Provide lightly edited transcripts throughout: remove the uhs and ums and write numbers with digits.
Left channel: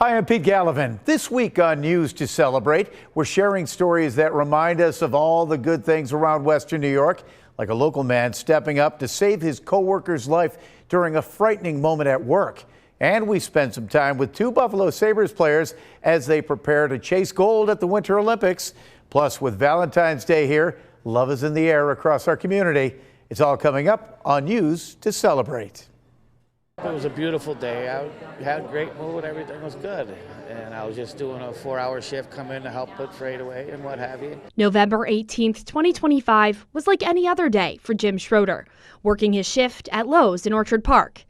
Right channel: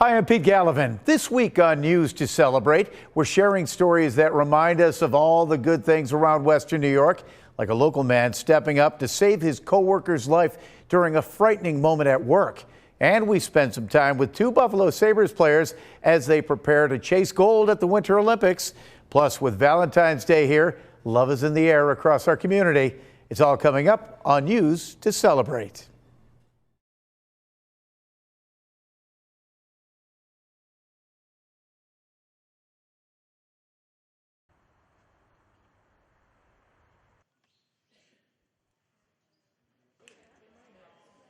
Hi, I'm Pete Gallivan. This week on News to Celebrate, we're sharing stories that remind us of all the good things around Western New York, like a local man stepping up to save his coworker's life during a frightening moment at work. And we spend some time with two Buffalo Sabres players as they prepare to chase gold at the Winter Olympics. Plus, with Valentine's Day here, love is in the air across our community. It's all coming up on News to Celebrate. It was a beautiful day. I had a great mood. Everything was good. And I was just doing a 4-hour shift, come in to help put freight away and what have you. November 18th, 2025 was like any other day for Jim Schroeder, working his shift at Lowe's in Orchard Park,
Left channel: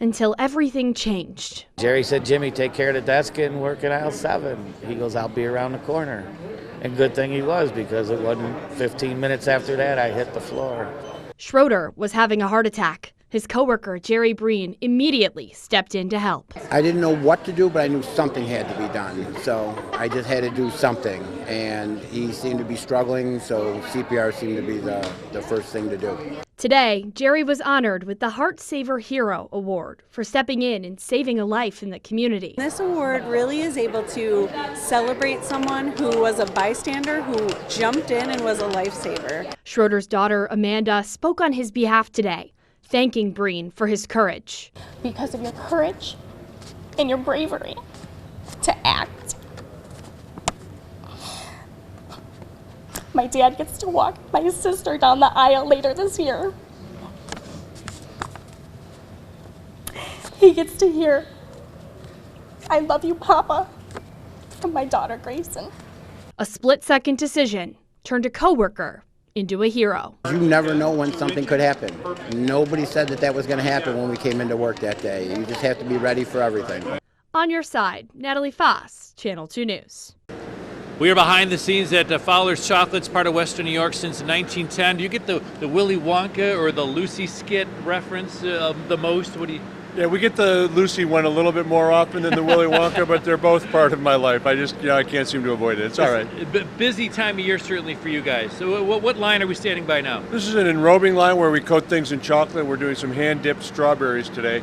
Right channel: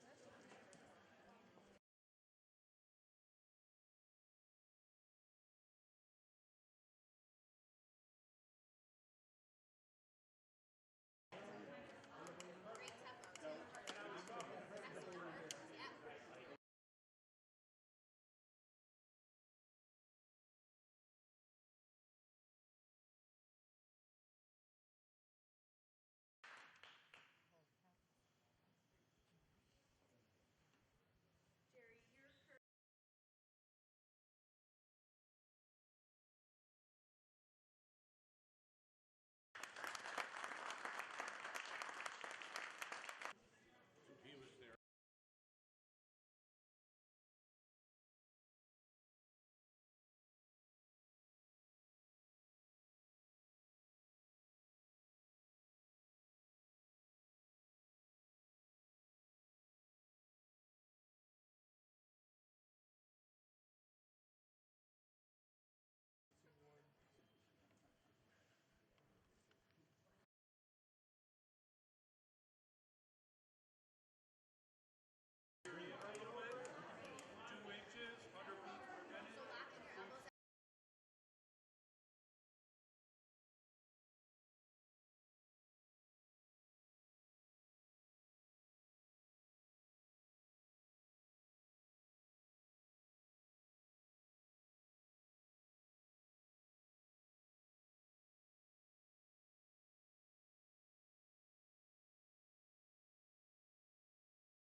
until everything changed. Jerry said, Jimmy, take care of the desk and work in aisle 7. He goes, I'll be around the corner. And good thing he was, because it wasn't 15 minutes after that I hit the floor. Schroeder was having a heart attack. His coworker, Jerry Breen, immediately stepped in to help. I didn't know what to do, but I knew something had to be done. So I just had to do something. And he seemed to be struggling, so CPR seemed to be the first thing to do. Today, Jerry was honored with the Heart Saver Hero Award for stepping in and saving a life in the community. This award really is able to celebrate someone who was a bystander, who jumped in and was a lifesaver. Schroeder's daughter, Amanda, spoke on his behalf today, thanking Breen for his courage. Because of your courage and your bravery to act. My dad gets to walk my sister down the aisle later this year. He gets to hear, I love you, Papa, from my daughter, Grayson. A split-second decision turned a coworker into a hero. You never know when something could happen. Nobody said that was going to happen when we came into work that day. You just have to be ready for everything. On your side, Natalie Foss, Channel 2 News. We are behind the scenes at Fowler's Chocolates, part of Western New York since 1910. Do you get the Willy Wonka or the Lucy skit reference the most? What do you? Yeah, we get the Lucy one a little bit more often than the Willy Wonka, but they're both part of my life. I can't seem to avoid it. It's all right. Busy time of year, certainly, for you guys. So what line are we standing by now? This is an enrobing line where we coat things in chocolate. We're doing some hand-dipped strawberries today.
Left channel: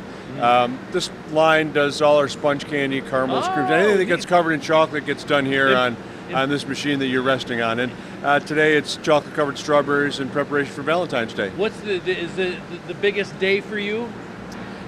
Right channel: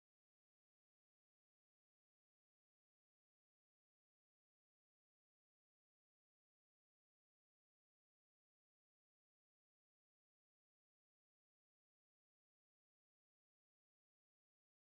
This line does all our sponge candy, caramels, creams. Anything that gets covered in chocolate gets done here on this machine that you're resting on. And today it's chocolate-covered strawberries in preparation for Valentine's Day. What's is the biggest day for you?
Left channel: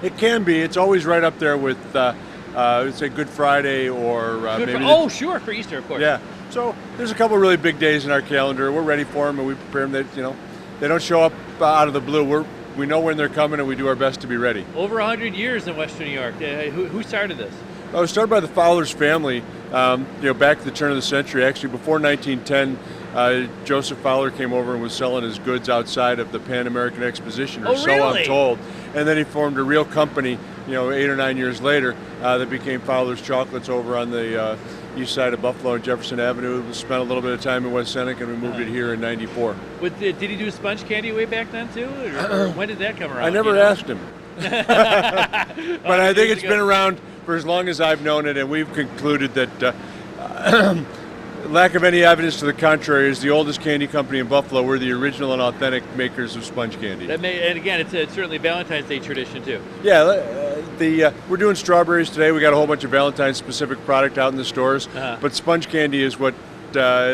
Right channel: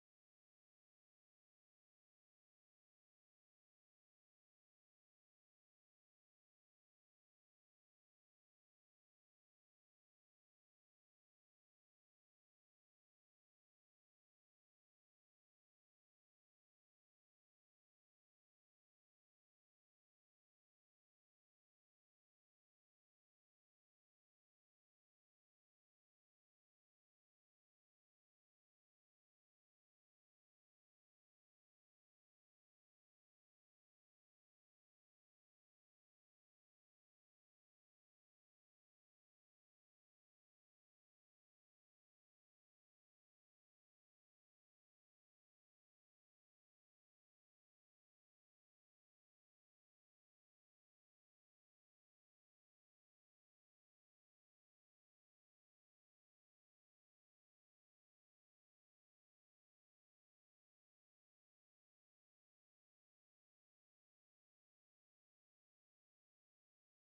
It can be. It's always right up there with, say, Good Friday or maybe. Oh, sure, for Easter, of course. Yeah. So there's a couple really big days in our calendar. We're ready for them, and we prepare them. They don't show up out of the blue. We know when they're coming, and we do our best to be ready. Over 100 years in Western New York. Who started this? It was started by the Fowler's family, back at the turn of the century. Actually, before 1910, Joseph Fowler came over and was selling his goods outside of the Pan American Exposition, or so I'm told. And then he formed a real company, 8 or 9 years later, that became Fowler's Chocolates over on the east side of Buffalo and Jefferson Avenue. We spent a little bit of time in West Seneca, and we moved it here in '94. Did he do sponge candy way back then, too? Or when did that come around? I never asked him. But I think it's been around for as long as I've known it, and we've concluded that lack of any evidence to the contrary is the oldest candy company in Buffalo. We're the original and authentic makers of sponge candy. And again, it's certainly Valentine's Day tradition too. Yeah, we're doing strawberries today. We got a whole bunch of Valentine's specific product out in the stores, but sponge candy is what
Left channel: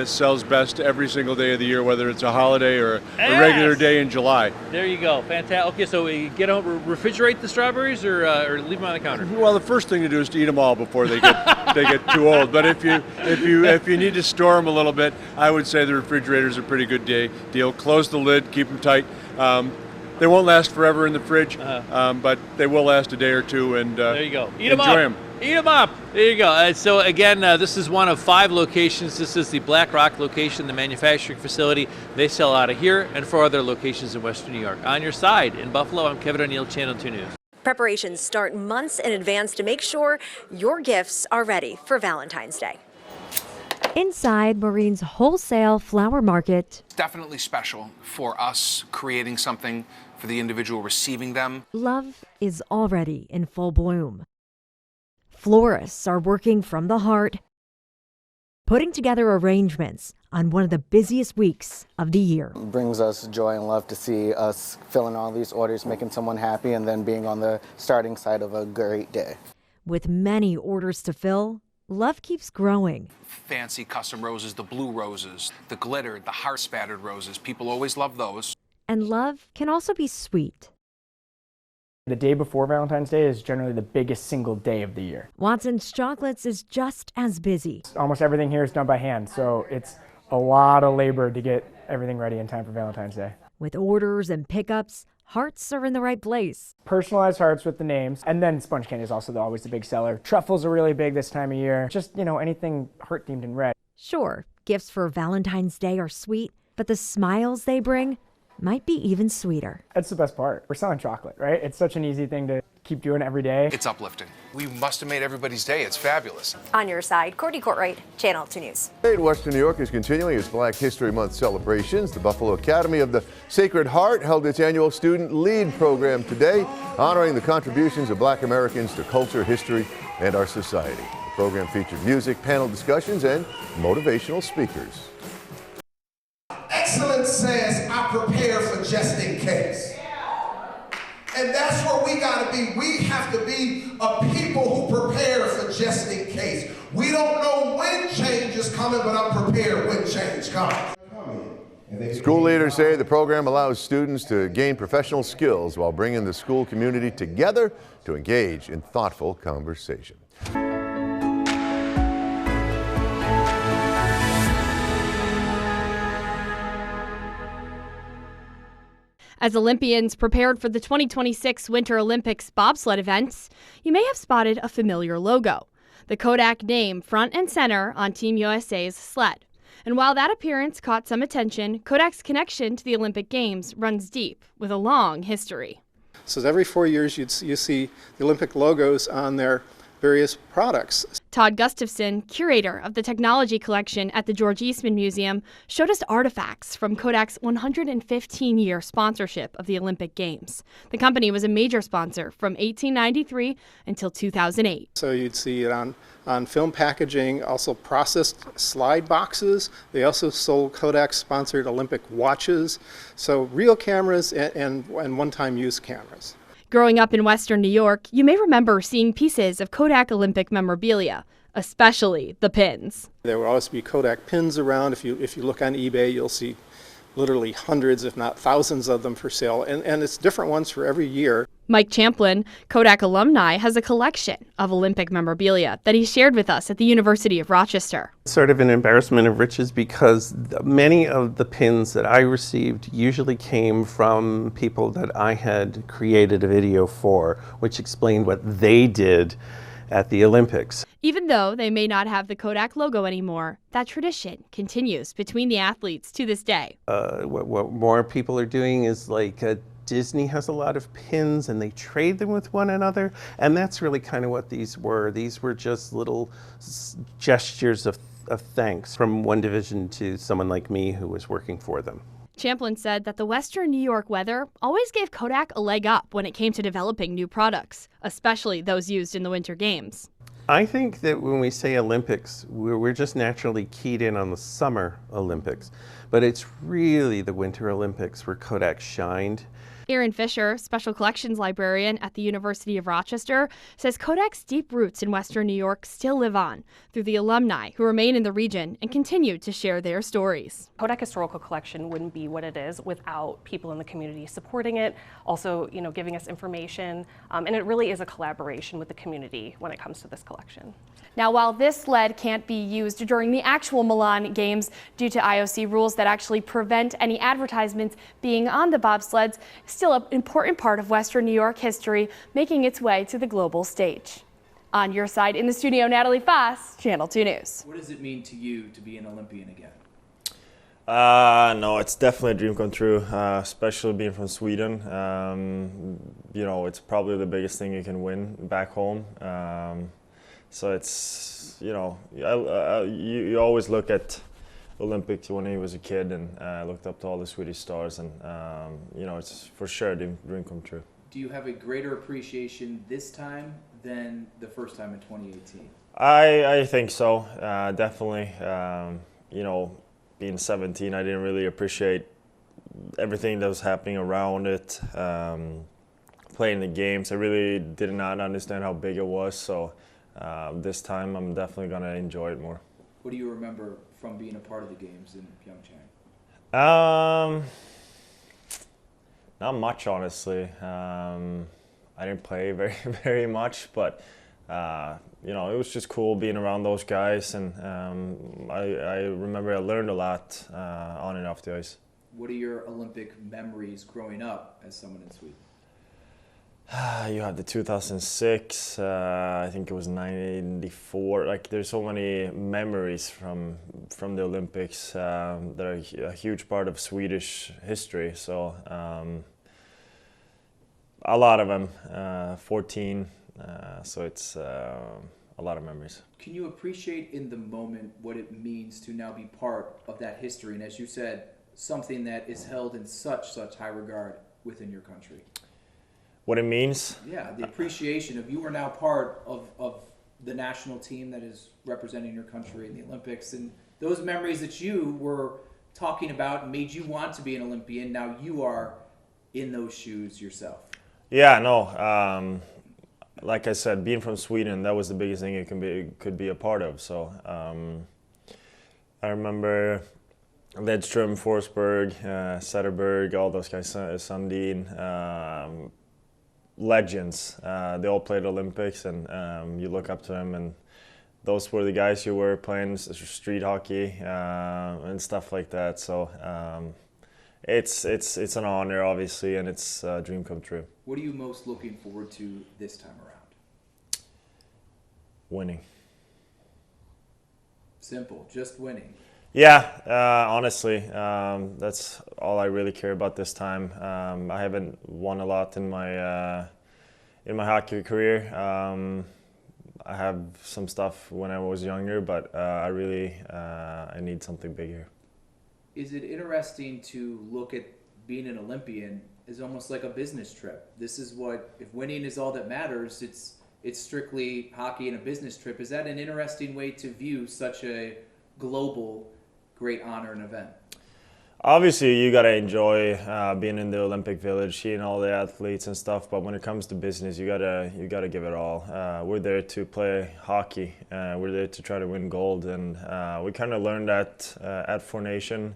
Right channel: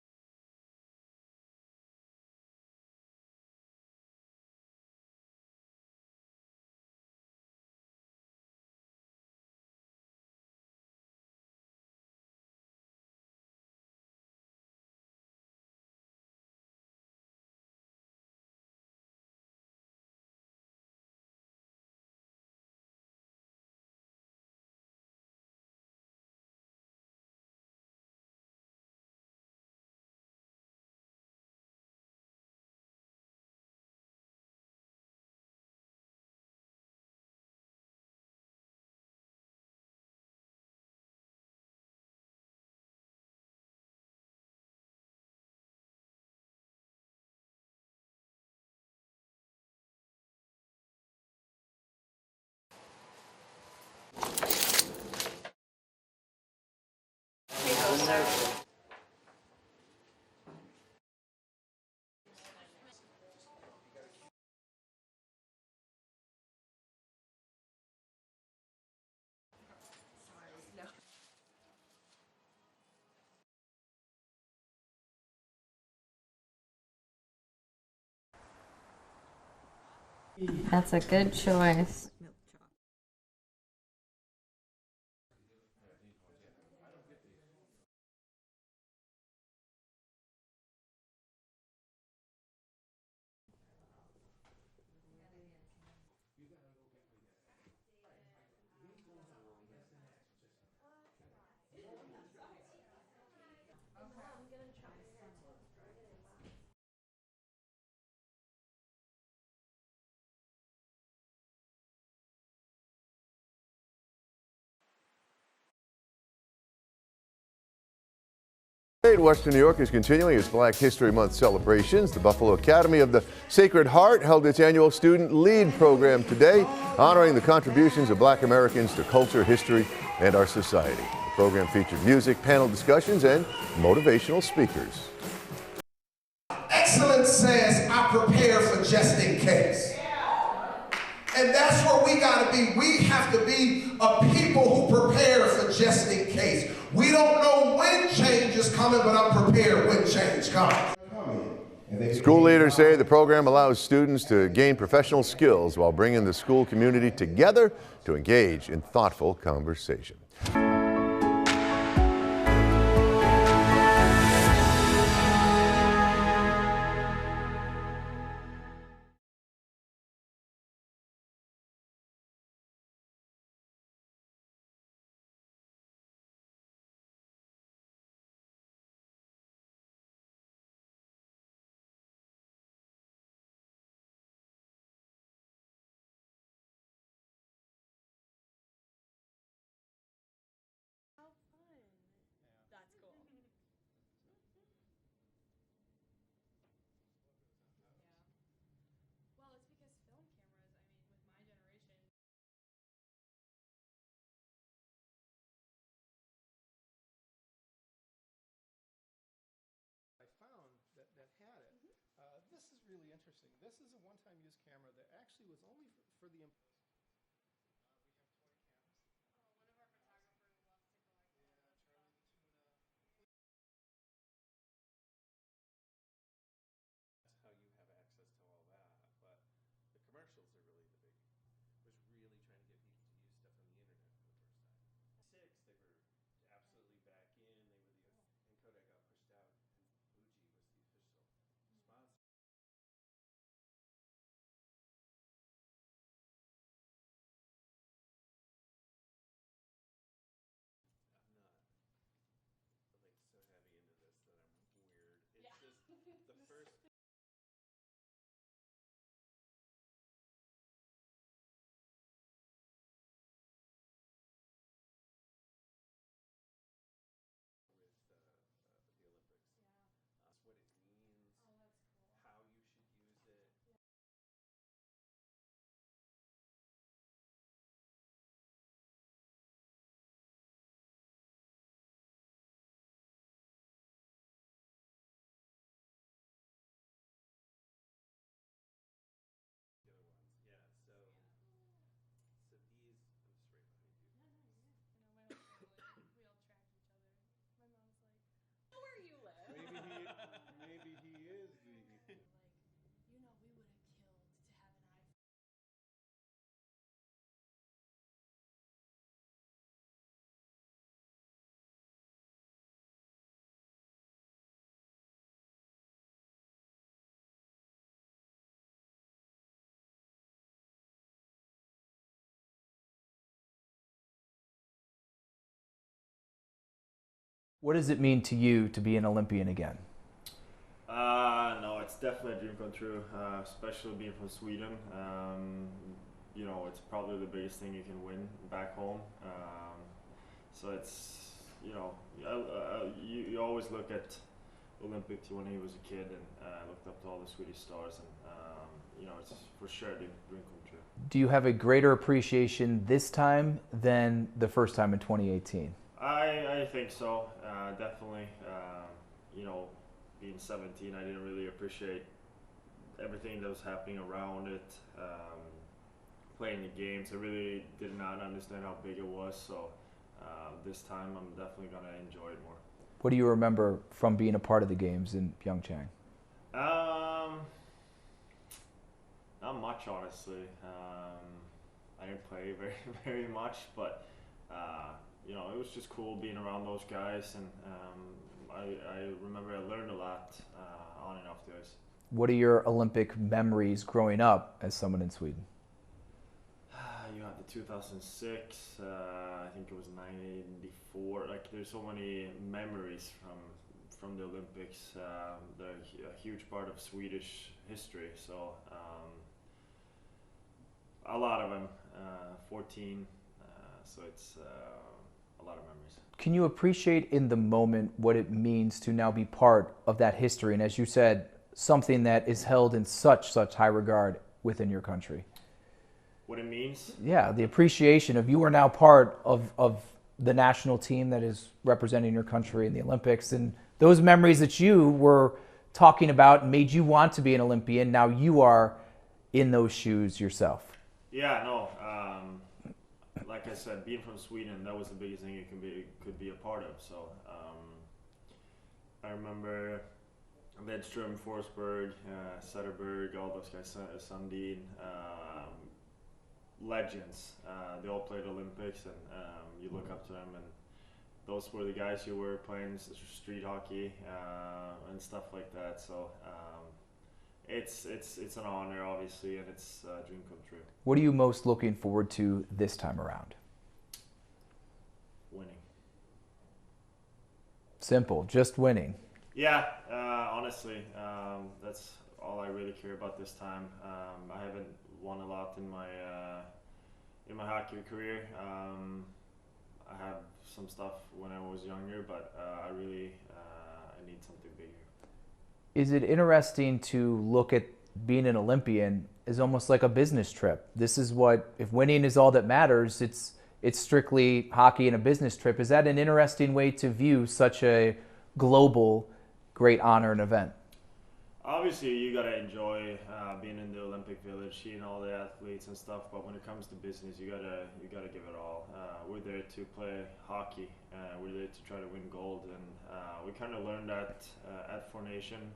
sells best every single day of the year, whether it's a holiday or a regular day in July. There you go, fantastic. Okay, so we refrigerate the strawberries or leave them on the counter? Well, the first thing to do is to eat them all before they get too old. But if you need to store them a little bit, I would say the refrigerator's a pretty good deal. Close the lid, keep them tight. They won't last forever in the fridge, but they will last a day or two. And there you go. Enjoy them. Eat them up. There you go. So again, this is one of 5 locations. This is the Black Rock location, the manufacturing facility. They sell out of here and 4 other locations in Western New York. On your side in Buffalo, I'm Kevin O'Neill, Channel 2 News. Preparations start months in advance to make sure your gifts are ready for Valentine's Day. Inside Marine's wholesale flower market. It's definitely special for us creating something for the individual receiving them. Love is already in full bloom. Florists are working from the heart, putting together arrangements on one of the busiest weeks of the year. It brings us joy and love to see us filling all these orders, making someone happy, and then being on the starting side of a great day. With many orders to fill, love keeps growing. Fancy custom roses, the blue roses, the glittered, the heart-spattered roses. People always love those. And love can also be sweet. That's a good choice. The day before Valentine's Day is generally the biggest single day of the year. Watson's Chocolates is just as busy. Almost everything here is done by hand, so it's a lot of labor to get everything ready in time for Valentine's Day. With orders and pickups, hearts are in the right place. Personalized hearts with the names, and then sponge candy is also always the big seller. Truffles are really big this time of year. Just, anything heart-themed and red. Sure, gifts for Valentine's Day are sweet, but the smiles they bring might be even sweeter. That's the best part. We're selling chocolate, right? It's such an easy thing to keep doing every day. It's uplifting. We must have made everybody's day. It's fabulous. On your side, Courtney Courtright, Channel 2 News. Today in Western New York is continuing its Black History Month celebrations. The Buffalo Academy of the Sacred Heart held its annual Student Lead program today, honoring the contributions of Black Americans to culture, history, and our society. The program featured music, panel discussions, and motivational speakers. Excellence says, I prepare for just in case. And that's where we got to be. We have to be a people who prepare for just in case. We don't know when change is coming, but I'm prepared when change comes. School leaders say the program allows students to gain professional skills while bringing the school community together to engage in thoughtful conversation. As Olympians prepared for the 2026 Winter Olympics bobsled events, you may have spotted a familiar logo, the Kodak name front and center on Team USA's sled. And while that appearance caught some attention, Kodak's connection to the Olympic Games runs deep, with a long history. So every 4 years you see the Olympic logos on their various products. Todd Gustafson, curator of the technology collection at the George Eastman Museum, showed us artifacts from Kodak's 115-year sponsorship of the Olympic Games. The company was a major sponsor from 1893 until 2008. So you'd see it on film packaging, also processed slide boxes. They also sold Kodak-sponsored Olympic watches. So real cameras and one-time use cameras. Growing up in Western New York, you may remember seeing pieces of Kodak Olympic memorabilia, especially the pins. There will always be Kodak pins around. If you look on eBay, you'll see literally hundreds, if not thousands of them for sale, and it's different ones for every year. Mike Champlin, Kodak alumni, has a collection of Olympic memorabilia that he shared with us at the University of Rochester. Sort of an embarrassment of riches because many of the pins that I received usually came from people that I had created a video for, which explained what they did at the Olympics. Even though they may not have the Kodak logo anymore, that tradition continues between the athletes to this day. What more people are doing is Disney has a lot of pins and they trade them with one another, and that's really kind of what these were. These were just little gestures of thanks from one division to someone like me who was working for them. Champlin said that the Western New York weather always gave Kodak a leg up when it came to developing new products, especially those used in the Winter Games. I think that when we say Olympics, we're just naturally keyed in on the Summer Olympics, but it's really the Winter Olympics where Kodak shined. Aaron Fisher, Special Collections Librarian at the University of Rochester, says Kodak's deep roots in Western New York still live on through the alumni who remain in the region and continue to share their stories. Kodak Historical Collection wouldn't be what it is without people in the community supporting it, also giving us information, and it really is a collaboration with the community when it comes to this collection. Now, while this sled can't be used during the actual Milan Games due to IOC rules that actually prevent any advertisements being on the bobsleds, it's still an important part of Western New York history, making its way to the global stage. On your side in the studio, Natalie Foss, Channel 2 News. What does it mean to you to be an Olympian again? No, it's definitely a dream come true, especially being from Sweden. It's probably the biggest thing you can win back home. So it's, you always look at Olympics when he was a kid, and looked up to all the Swedish stars, and it's for sure a dream come true. Do you have a greater appreciation this time than the first time in 2018? I think so, definitely. Being 17, I didn't really appreciate everything that was happening around it. playing the games. I really did not understand how big it was, so this time I'm definitely going to enjoy it more. What do you remember from being a part of the games in Pyeongchang? Not much, honestly. I didn't play very much, but you know, it was just cool being around those guys, and I remember I learned a lot on and off the ice. What are your Olympic memories growing up as someone in Sweden? You had the 2006, I think it was 1994. Like, there's so many memories from the Olympics that are a huge part of Swedish history. So a lot of them, 14. So it's a lot of memories. Can you appreciate in the moment what it means to now be part of that history? And as you said, something that is held in such high regard within your country. What it means? Yeah, the appreciation of you are now part of the national team that is representing your country in the Olympics, and those memories that you were talking about made you want to be an Olympian. Now you are in those shoes yourself. Yeah, no. Like I said, being from Sweden, that was the biggest thing you could be a part of. So I remember Ledström, Forsberg, Zetterberg, all those guys, Sundin, legends. They all played Olympics, and you look up to them, and those were the guys who were playing street hockey and stuff like that. So it's an honor, obviously, and it's a dream come true. What are you most looking forward to this time around? Winning. Simple, just winning. Yeah, honestly, that's all I really care about this time. I haven't won a lot in my hockey career. I have some stuff when I was younger, but I need something bigger. Is it interesting to look at being an Olympian as almost like a business trip? This is what, if winning is all that matters, it's strictly hockey and a business trip. Is that an interesting way to view such a global great honor and event? Obviously, you gotta enjoy being in the Olympic Village, seeing all the athletes and stuff. But when it comes to business, you gotta give it all. We're there to play hockey. We're there to try to win gold, and we kind of learned that at Four Nation.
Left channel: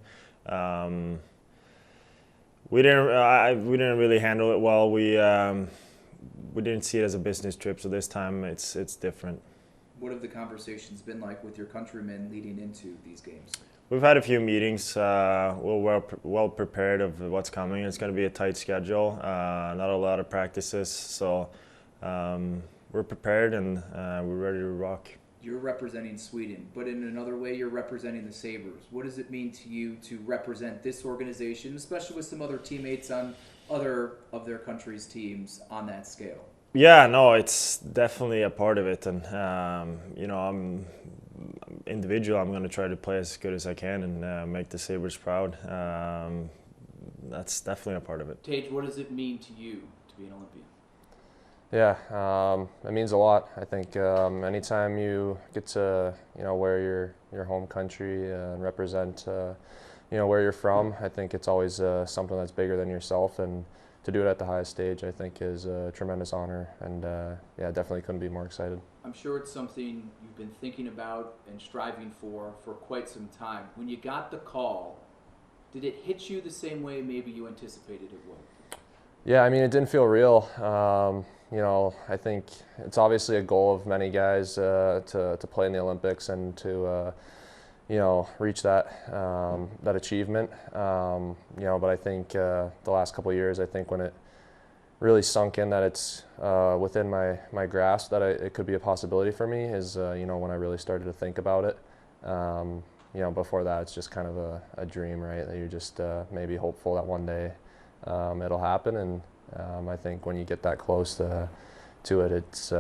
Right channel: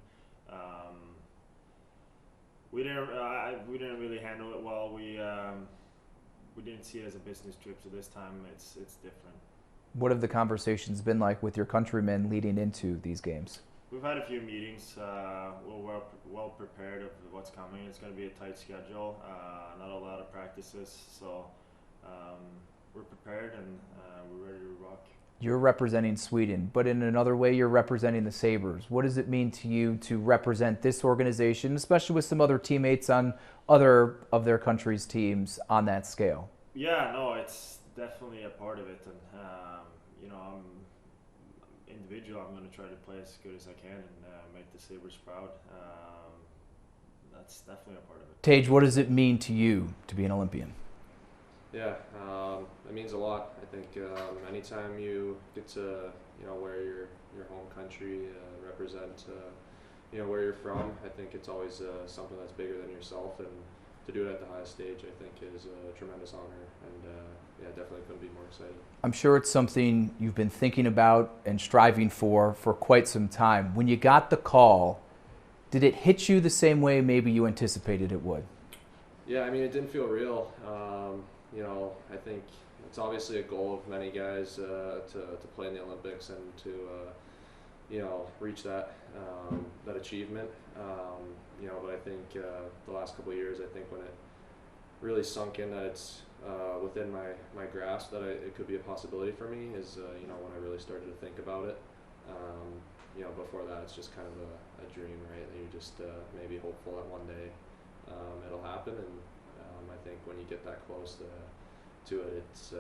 We didn't really handle it well. We didn't see it as a business trip. So this time, it's different. What have the conversations been like with your countrymen leading into these games? We've had a few meetings. We're well prepared of what's coming. It's going to be a tight schedule, not a lot of practices. So we're prepared, and we're ready to rock. You're representing Sweden, but in another way, you're representing the Sabres. What does it mean to you to represent this organization, especially with some other teammates on other of their country's teams on that scale? Yeah, no, it's definitely a part of it, and you know, I'm going to try to play as good as I can and make the Sabres proud. That's definitely a part of it. Tage, what does it mean to you to be an Olympian? Yeah, it means a lot. I think anytime you get to wear your home country and represent where you're from, I think it's always something that's bigger than yourself, and to do it at the highest stage, I think, is a tremendous honor, and yeah, definitely couldn't be more excited. I'm sure it's something you've been thinking about and striving for quite some time. When you got the call, did it hit you the same way maybe you anticipated it would? Yeah, I mean, it didn't feel real. I think it's obviously a goal of many guys to play in the Olympics and to reach that achievement. But I think the last couple of years, I think when it really sunk in that it's within my grasp that it could be a possibility for me is when I really started to think about it. Before that, it's just kind of a dream, right? That you're just maybe hopeful that one day it'll happen. And I think when you get that close to it, it's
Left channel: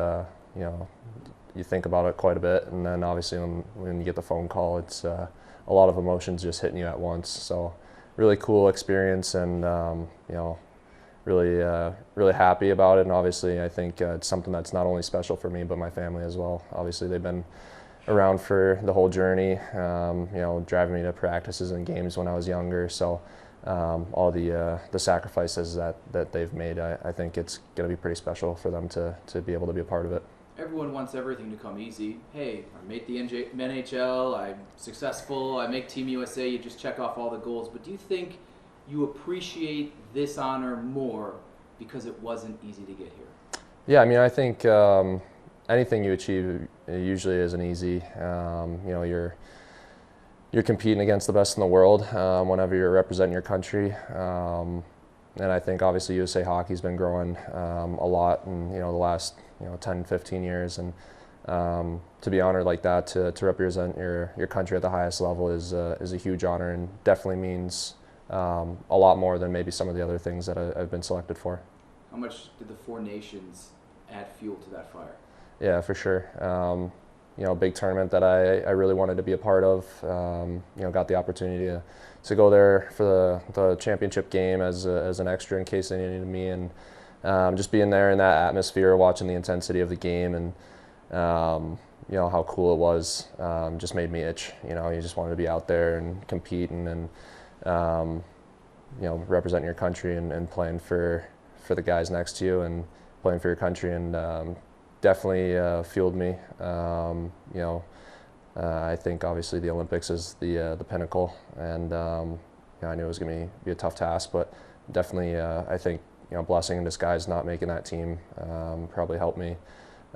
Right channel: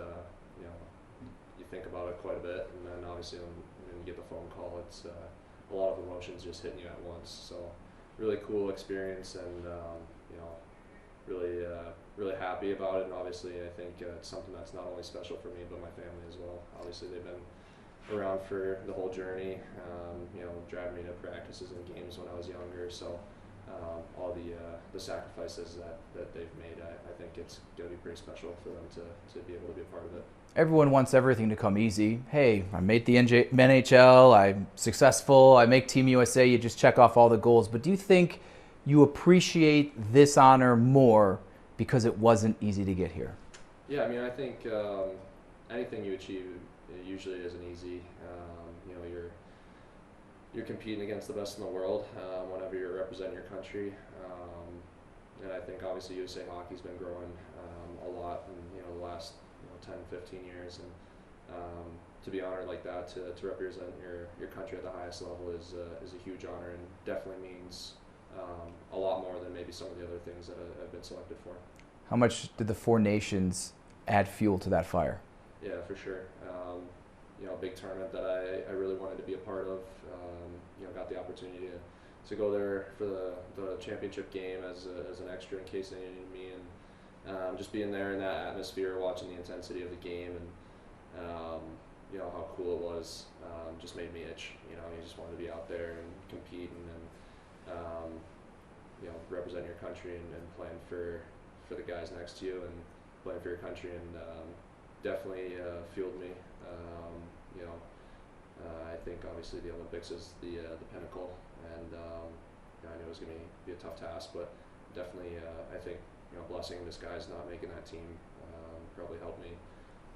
you think about it quite a bit, and then obviously when you get the phone call, it's a lot of emotions just hitting you at once. So really cool experience, and really happy about it. And obviously I think it's something that's not only special for me but my family as well. Obviously they've been around for the whole journey, driving me to practices and games when I was younger. So all the sacrifices that they've made. I think it's going to be pretty special for them to be able to be a part of it. Everyone wants everything to come easy. Hey, I made the NHL, I'm successful, I make Team USA, you just check off all the goals. But do you think you appreciate this honor more because it wasn't easy to get here? Yeah, I mean, I think anything you achieve usually isn't easy. You know, you're competing against the best in the world whenever you're representing your country. And I think obviously USA Hockey's been growing a lot in, you know, the last 10, 15 years, and to be honored like that, to represent your country at the highest level is a huge honor, and definitely means a lot more than maybe some of the other things that I've been selected for. How much did the 4 nations add fuel to that fire? Yeah, for sure. You know, a big tournament that I really wanted to be a part of. You know, got the opportunity to go there for the championship game as an extra in case they needed me, and just being there in that atmosphere, watching the intensity of the game, and you know how cool it was, just made me itch. You know, you just wanted to be out there and competing and you know, representing your country and playing for the guys next to you and playing for your country, and definitely fueled me. You know, I think obviously the Olympics is the pinnacle, and you know, I knew it was going to be a tough task, but definitely I think, you know, blessing in disguise not making that team probably helped me,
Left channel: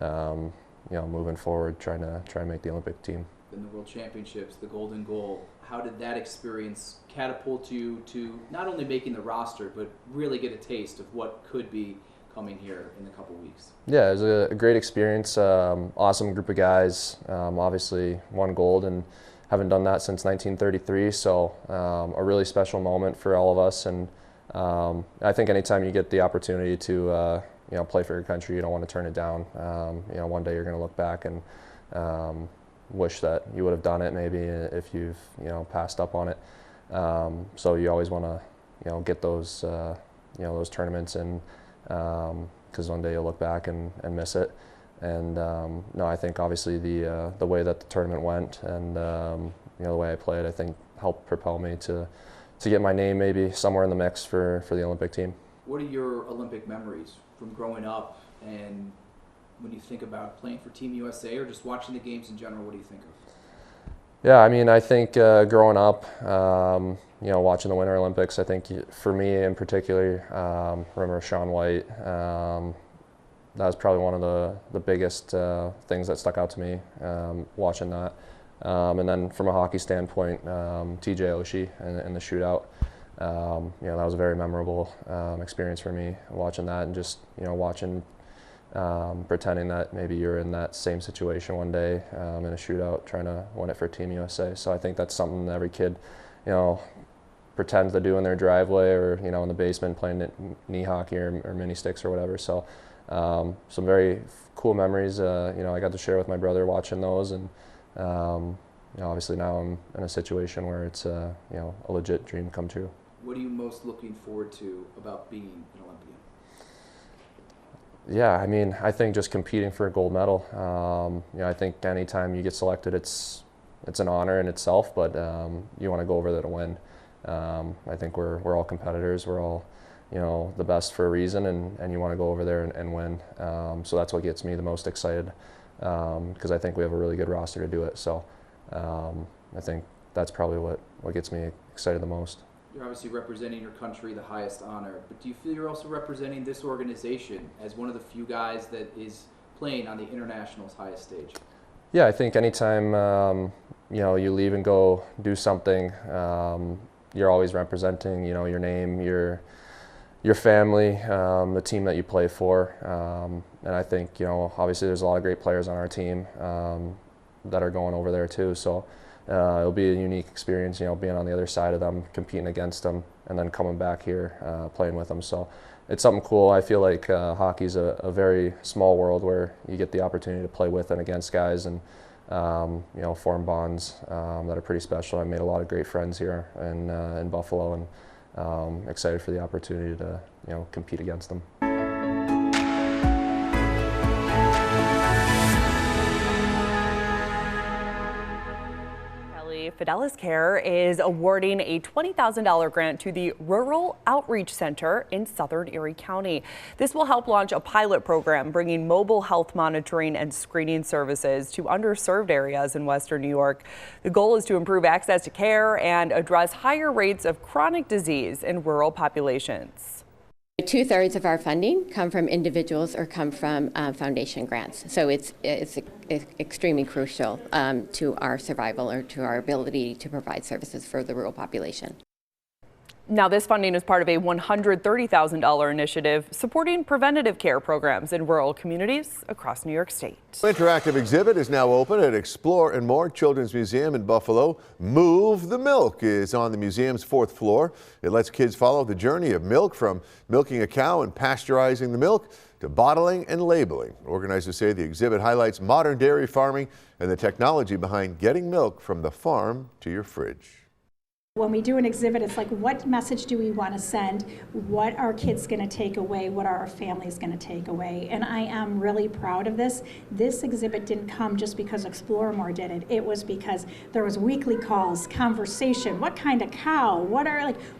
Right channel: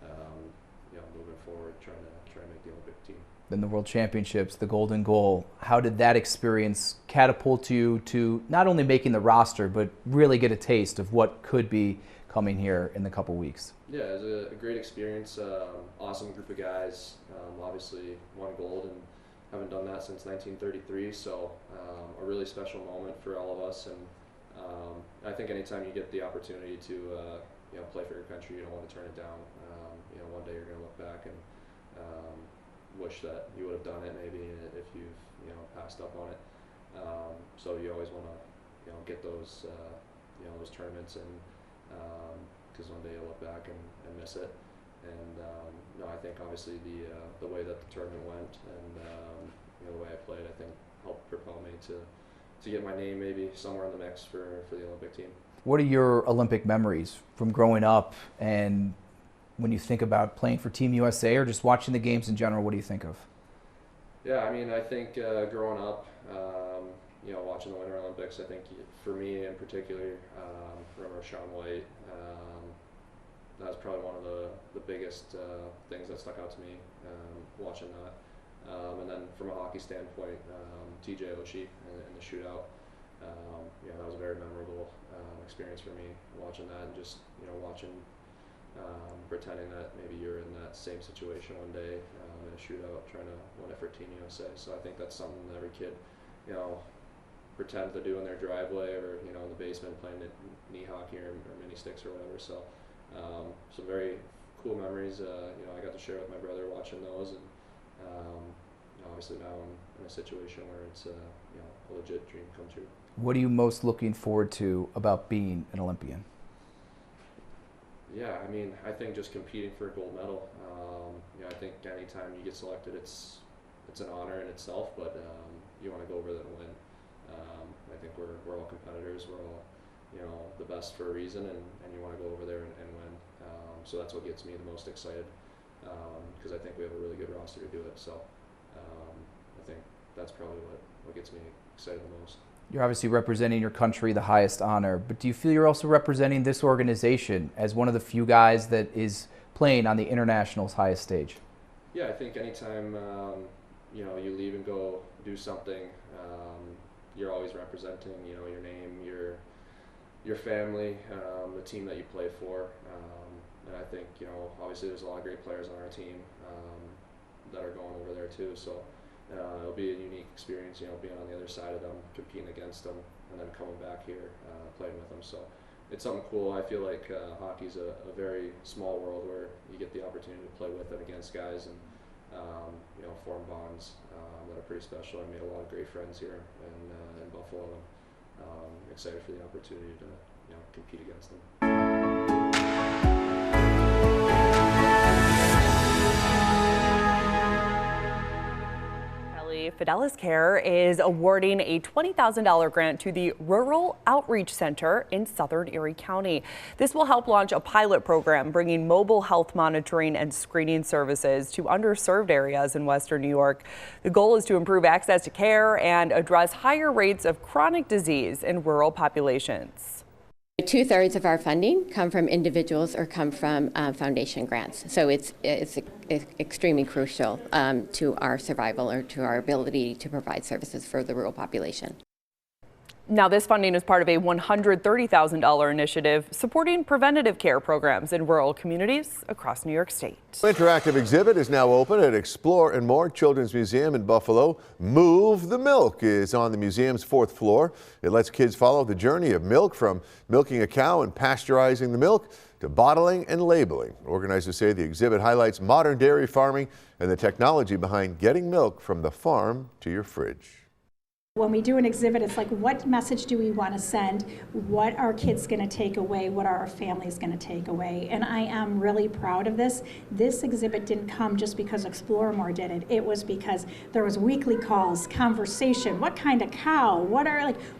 you know, moving forward, try and make the Olympic team. Then the World Championships, the golden goal. How did that experience catapult you to not only making the roster, but really get a taste of what could be coming here in the couple weeks? Yeah, it was a great experience. Awesome group of guys. Obviously won gold and haven't done that since 1933. So a really special moment for all of us. And I think anytime you get the opportunity to you know, play for your country, you don't want to turn it down. You know, one day you're going to look back and wish that you would have done it maybe if you've, you know, passed up on it. So you always want to, you know, get those you know, those tournaments, and because one day you'll look back and miss it. And no, I think obviously the way that the tournament went and you know, the way I played, I think helped propel me to get my name maybe somewhere in the mix for the Olympic team. What are your Olympic memories from growing up, and when you think about playing for Team USA or just watching the games in general, what do you think of? Yeah, I mean, I think growing up, you know, watching the Winter Olympics, I think for me in particular, remember Shaun White, that was probably one of the biggest things that stuck out to me, watching that. And then from a hockey standpoint, TJ Oshie in the shootout, you know, that was a very memorable experience for me, watching that, and just, you know, watching, pretending that maybe you're in that same situation one day in a shootout, trying to win it for Team USA. So I think that's something that every kid, you know, pretends to do in their driveway or, you know, in the basement playing knee hockey or mini sticks or whatever. So some very cool memories, you know, I got to share with my brother watching those, and you know, obviously now I'm in a situation where it's you know, a legit dream come true. What are you most looking forward to about being an Olympian? Yeah, I mean, I think just competing for a gold medal. You know, I think anytime you get selected, it's an honor in itself, but you want to go over there to win. I think we're all competitors. We're all, you know, the best for a reason, and you want to go over there and win. So that's what gets me the most excited, because I think we have a really good roster to do it. So I think that's probably what gets me excited the most. You're obviously representing your country, the highest honor, but do you feel you're also representing this organization as one of the few guys that is playing on the international's highest stage? Yeah, I think anytime you know, you leave and go do something, you're always representing, you know, your name, your family, the team that you play for, and I think, you know, obviously there's a lot of great players on our team that are going over there too. So it'll be a unique experience, you know, being on the other side of them, competing against them, and then coming back here playing with them. So it's something cool. I feel like hockey's a very small world where you get the opportunity to play with and against guys, and you know, form bonds that are pretty special. I made a lot of great friends here in Buffalo, and excited for the opportunity to, you know, compete against them. Fidelis Care is awarding a $20,000 grant to the Rural Outreach Center in Southern Erie County. This will help launch a pilot program bringing mobile health monitoring and screening services to underserved areas in Western New York. The goal is to improve access to care and address higher rates of chronic disease in rural populations. 2/3 of our funding come from individuals or come from foundation grants. So it's extremely crucial to our survival or to our ability to provide services for the rural population. Now, this funding is part of a $130,000 initiative supporting preventative care programs in rural communities across New York State. Interactive exhibit is now open at Explore and More Children's Museum in Buffalo. Move the Milk is on the museum's 4th floor. It lets kids follow the journey of milk, from milking a cow and pasteurizing the milk to bottling and labeling. Organizers say the exhibit highlights modern dairy farming and the technology behind getting milk from the farm to your fridge. When we do an exhibit, it's like, what message do we want to send? What are kids going to take away? What are our families going to take away? And I am really proud of this. This exhibit didn't come just because Explore More did it. It was because there was weekly calls, conversation. What kind of cow?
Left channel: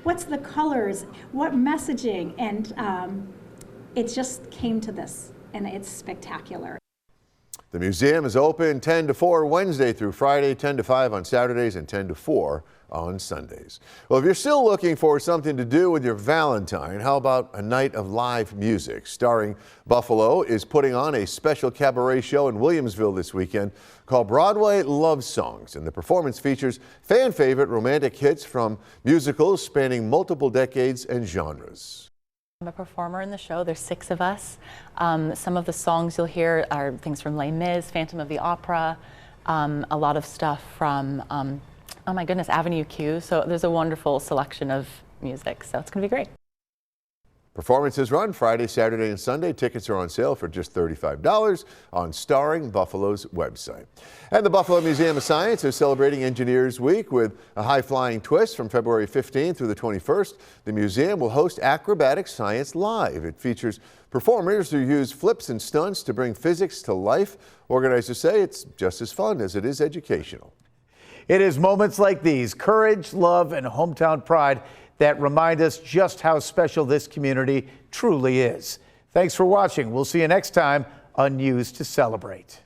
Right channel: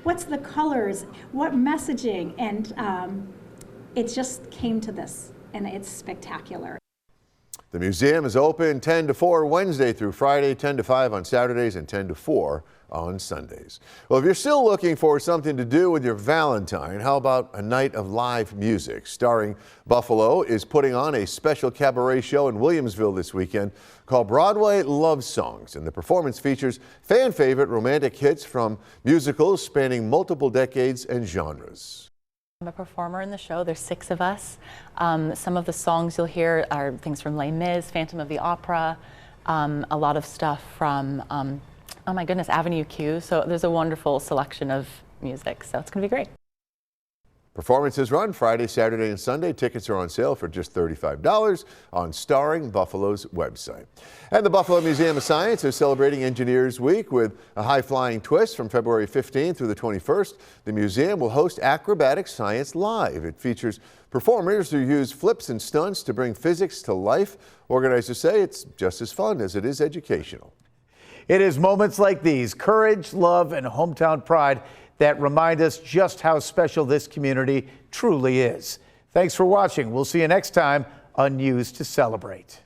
What's the colors? What messaging? And it just came to this, and it's spectacular. The museum is open 10 to 4 Wednesday through Friday, 10 to 5 on Saturdays, and 10 to 4 on Sundays. Well, if you're still looking for something to do with your Valentine, how about a night of live music? Starring Buffalo is putting on a special cabaret show in Williamsville this weekend called Broadway Love Songs, and the performance features fan favorite romantic hits from musicals spanning multiple decades and genres. I'm a performer in the show. There's 6 of us. Some of the songs you'll hear are things from Les Mis, Phantom of the Opera, a lot of stuff from, oh my goodness, Avenue Q. So there's a wonderful selection of music, so it's going to be great. Performances run Friday, Saturday, and Sunday. Tickets are on sale for just $35 on Starring Buffalo's website. And the Buffalo Museum of Science is celebrating Engineers Week with a high-flying twist from February 15th through the 21st. The museum will host Acrobatic Science Live. It features performers who use flips and stunts to bring physics to life. Organizers say it's just as fun as it is educational. It is moments like these, courage, love, and hometown pride, that remind us just how special this community truly is. Thanks for watching. We'll see you next time on News to Celebrate.